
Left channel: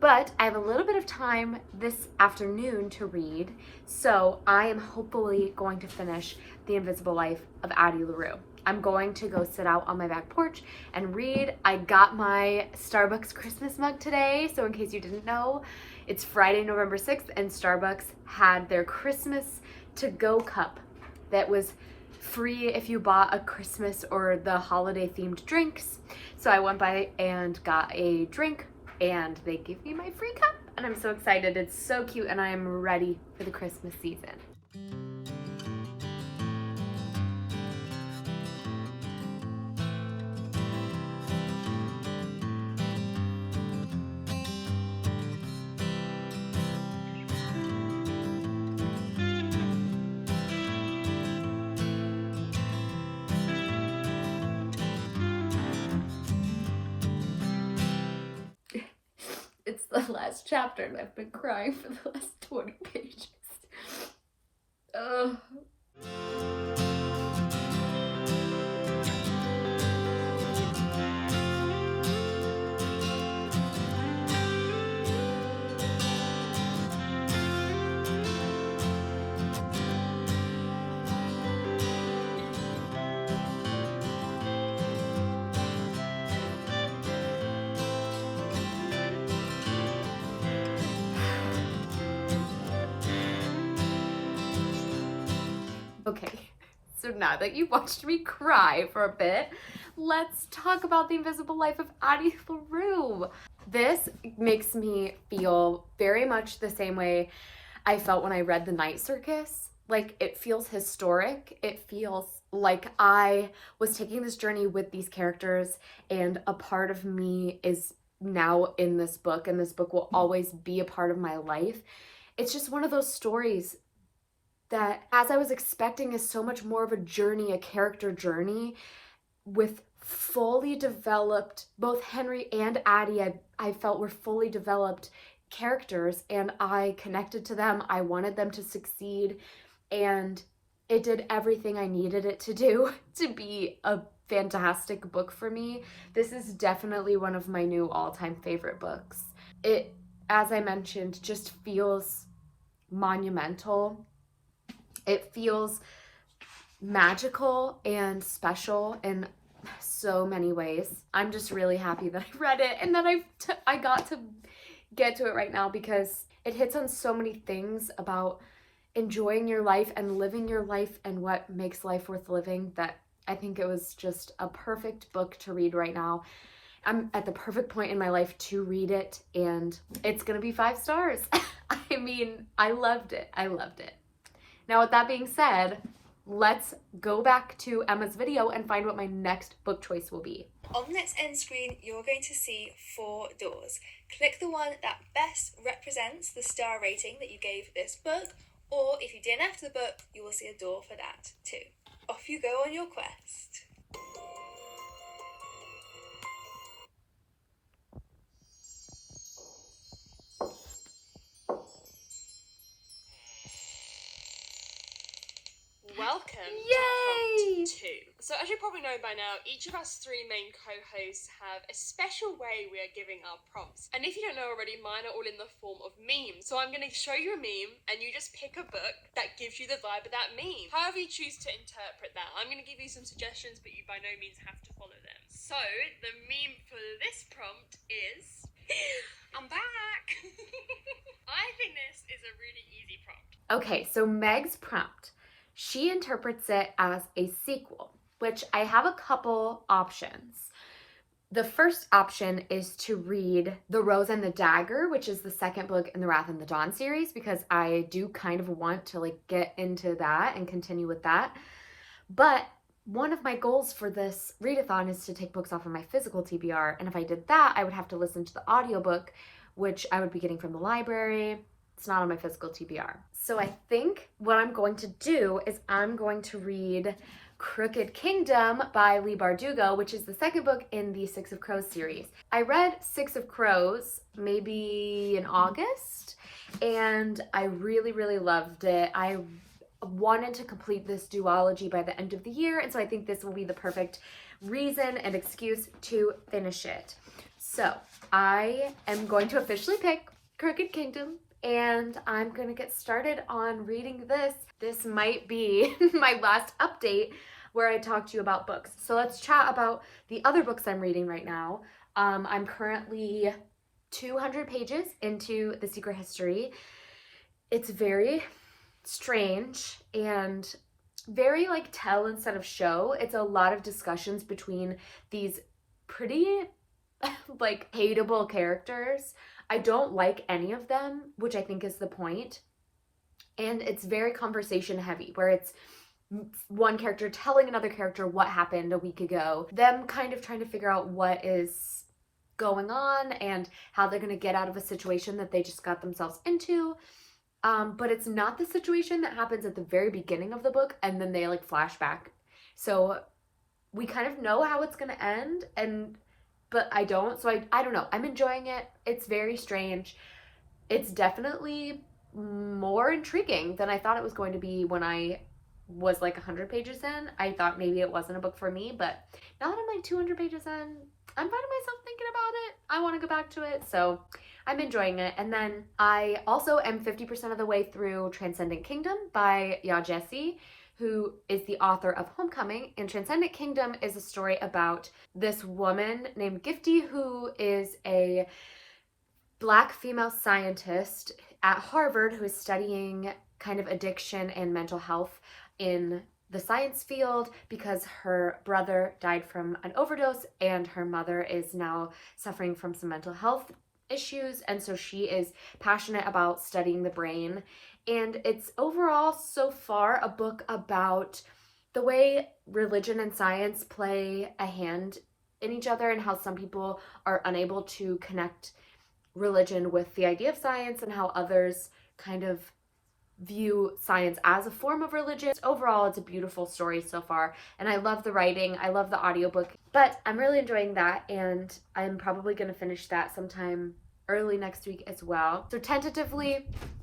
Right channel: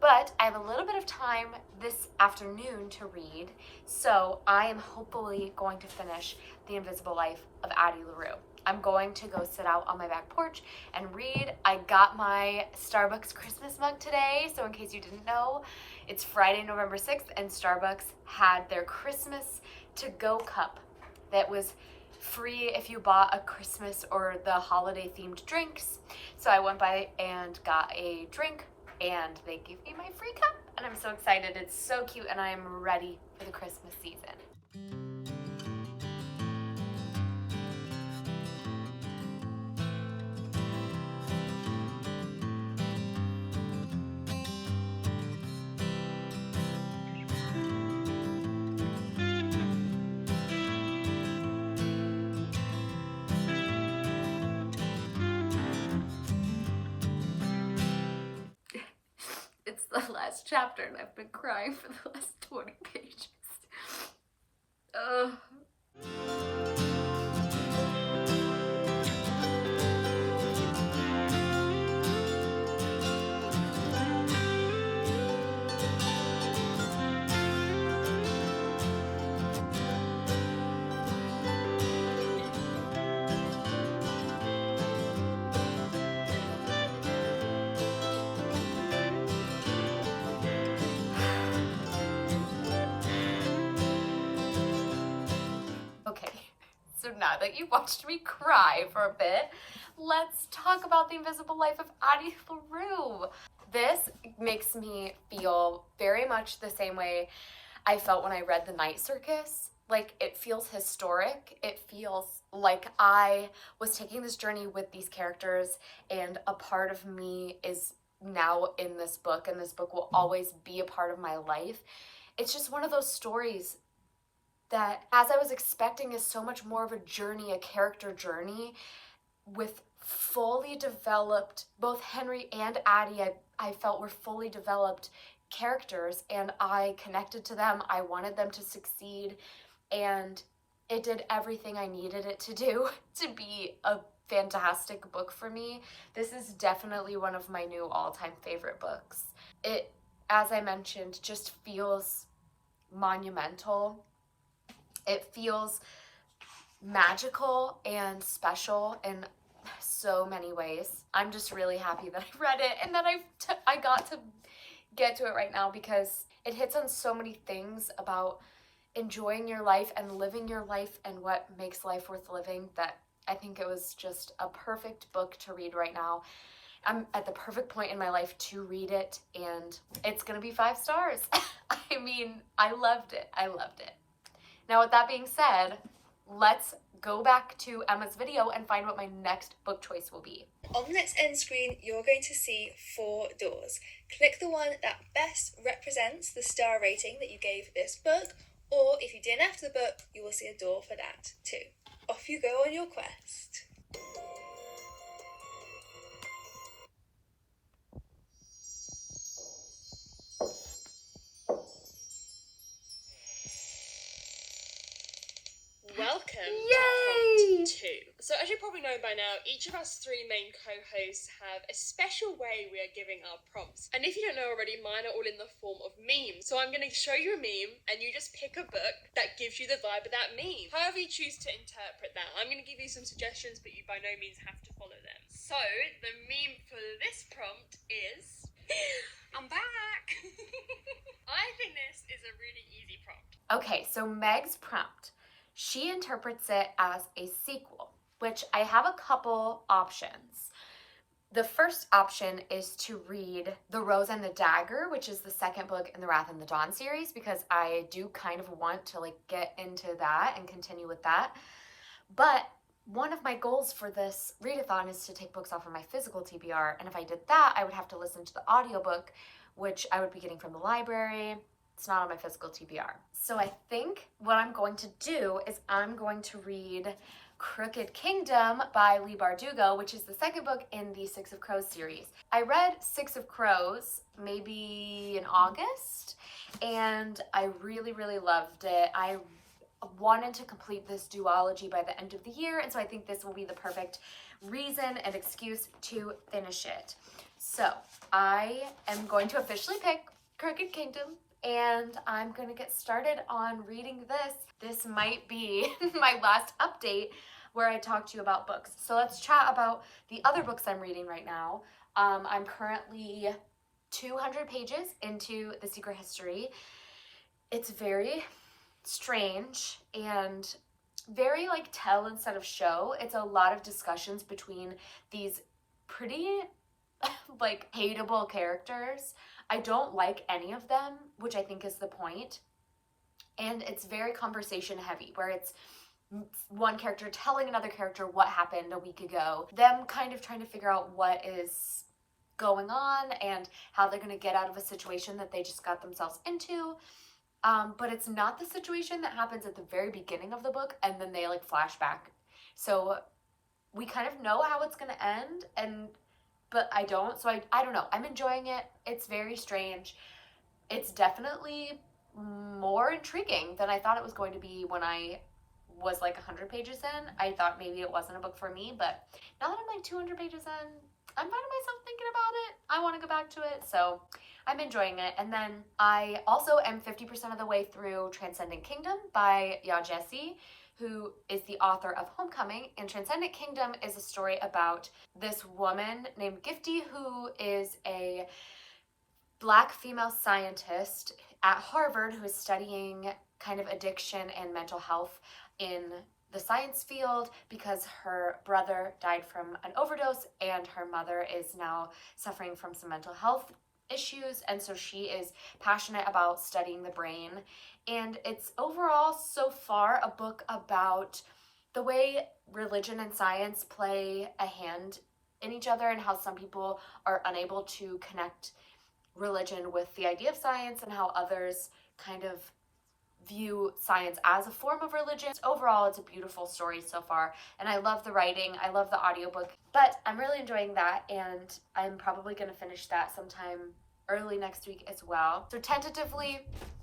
But I have a little bit of time this afternoon to read, so I am hopefully going to finish The Invisible Life of Addie Larue. I'm going to go sit out on my back porch and read. I got my Starbucks Christmas mug today, so in case you didn't know, it's Friday, November 6th, and Starbucks had their Christmas to-go cup that was free if you bought a Christmas or the holiday themed drinks. So I went by and got a drink, and they gave me my free cup, and I'm so excited. It's so cute, and I am ready for the Christmas season. It's the last chapter and I've been crying for the last 20 pages. Ugh. Okay, so now that you've watched me cry for a bit, let's talk about The Invisible Life of Addie Larue. This makes me feel very much the same way I felt when I read The Night Circus. Like, it feels historic. It feels like I was taking this journey with these characters, and a part of me is now in this book, and this book will always be a part of my life. It's just one of those stories that, as I was expecting, is so much more of a journey, a character journey with fully developed, both Henry and Addie, I felt were fully developed characters, and I connected to them. I wanted them to succeed, and it did everything I needed it to do to be a fantastic book for me. This is definitely one of my new all-time favorite books. It, as I mentioned, just feels monumental. It feels magical and special in so many ways. I'm just really happy that I read it and that I got to get to it right now, because it hits on so many things about enjoying your life and living your life and what makes life worth living, that I think it was just a perfect book to read right now. I'm at the perfect point in my life to read it, and it's gonna be 5 stars. I mean, I loved it. I loved it. Now, with that being said, let's go back to Emma's video and find what my next book choice will be. On the next end screen, you're going to see 4 doors. Click the one that best represents the star rating that you gave this book, or if you didn't after the book, you will see a door for that too. Off you go on your quest. Welcome Yay! to Prompt 2. So as you probably know by now, each of us 3 main co-hosts have a special way we are giving our prompts. And if you don't know already, mine are all in the form of memes. So I'm going to show you a meme and you just pick a book that gives you the vibe of that meme. However you choose to interpret that. I'm going to give you some suggestions, but you by no means have to follow them. So the meme for this prompt is I'm back! I think this is a really easy prompt. Okay, so Meg's prompt. She interprets it as a sequel, which I have a couple options. The first option is to read The Rose and the Dagger, which is the second book in the Wrath and the Dawn series, because I do kind of want to like get into that and continue with that. But one of my goals for this readathon is to take books off of my physical TBR, and if I did that, I would have to listen to the audiobook, which I would be getting from the library. It's not on my physical TBR. So I think what I'm going to do is I'm going to read Crooked Kingdom by Leigh Bardugo, which is the second book in the Six of Crows series. I read Six of Crows maybe in August, and I really, really loved it. I wanted to complete this duology by the end of the year, and so I think this will be the perfect reason and excuse to finish it. So I am going to officially pick Crooked Kingdom, and I'm going to get started on reading this. This might be my last update where I talk to you about books. So let's chat about the other books I'm reading right now. I'm currently 200 pages into The Secret History. It's very strange and very like tell instead of show. It's a lot of discussions between these pretty like hateable characters. I don't like any of them, which I think is the point. And it's very conversation heavy, where it's one character telling another character what happened a week ago, them kind of trying to figure out what is going on and how they're going to get out of a situation that they just got themselves into. But it's not the situation that happens at the very beginning of the book and then they like flash back. So we kind of know how it's going to end, but I don't. So I don't know. I'm enjoying it. It's very strange. It's definitely more intriguing than I thought it was going to be when I was like 100 pages in. I thought maybe it wasn't a book for me, but now that I'm like 200 pages in, I'm finding myself thinking about it. I want to go back to it, so I'm enjoying it. And then I also am 50% of the way through Transcendent Kingdom by Ya Jessie, who is the author of Homecoming. And Transcendent Kingdom is a story about this woman named Gifty, who is a Black female scientist at Harvard who is studying kind of addiction and mental health in the science field because her brother died from an overdose and her mother is now suffering from some mental health issues, and so she is passionate about studying the brain. And it's overall so far a book about the way religion and science play a hand in each other and how some people are unable to connect religion with the idea of science and how others kind of view science as a form of religion. Overall, it's a beautiful story so far, and I love the writing. I love the audiobook, but I'm really enjoying that, and I'm probably going to finish that sometime early next week as well. So tentatively,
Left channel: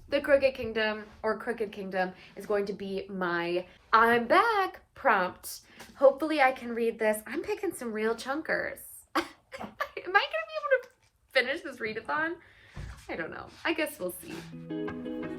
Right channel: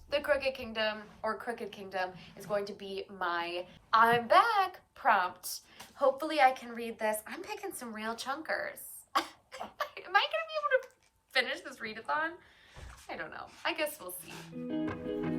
the Crooked Kingdom is going to be my I'm back prompt. Hopefully I can read this. I'm picking some real chunkers. Am I going to be able to finish this readathon? I don't know. I guess we'll see.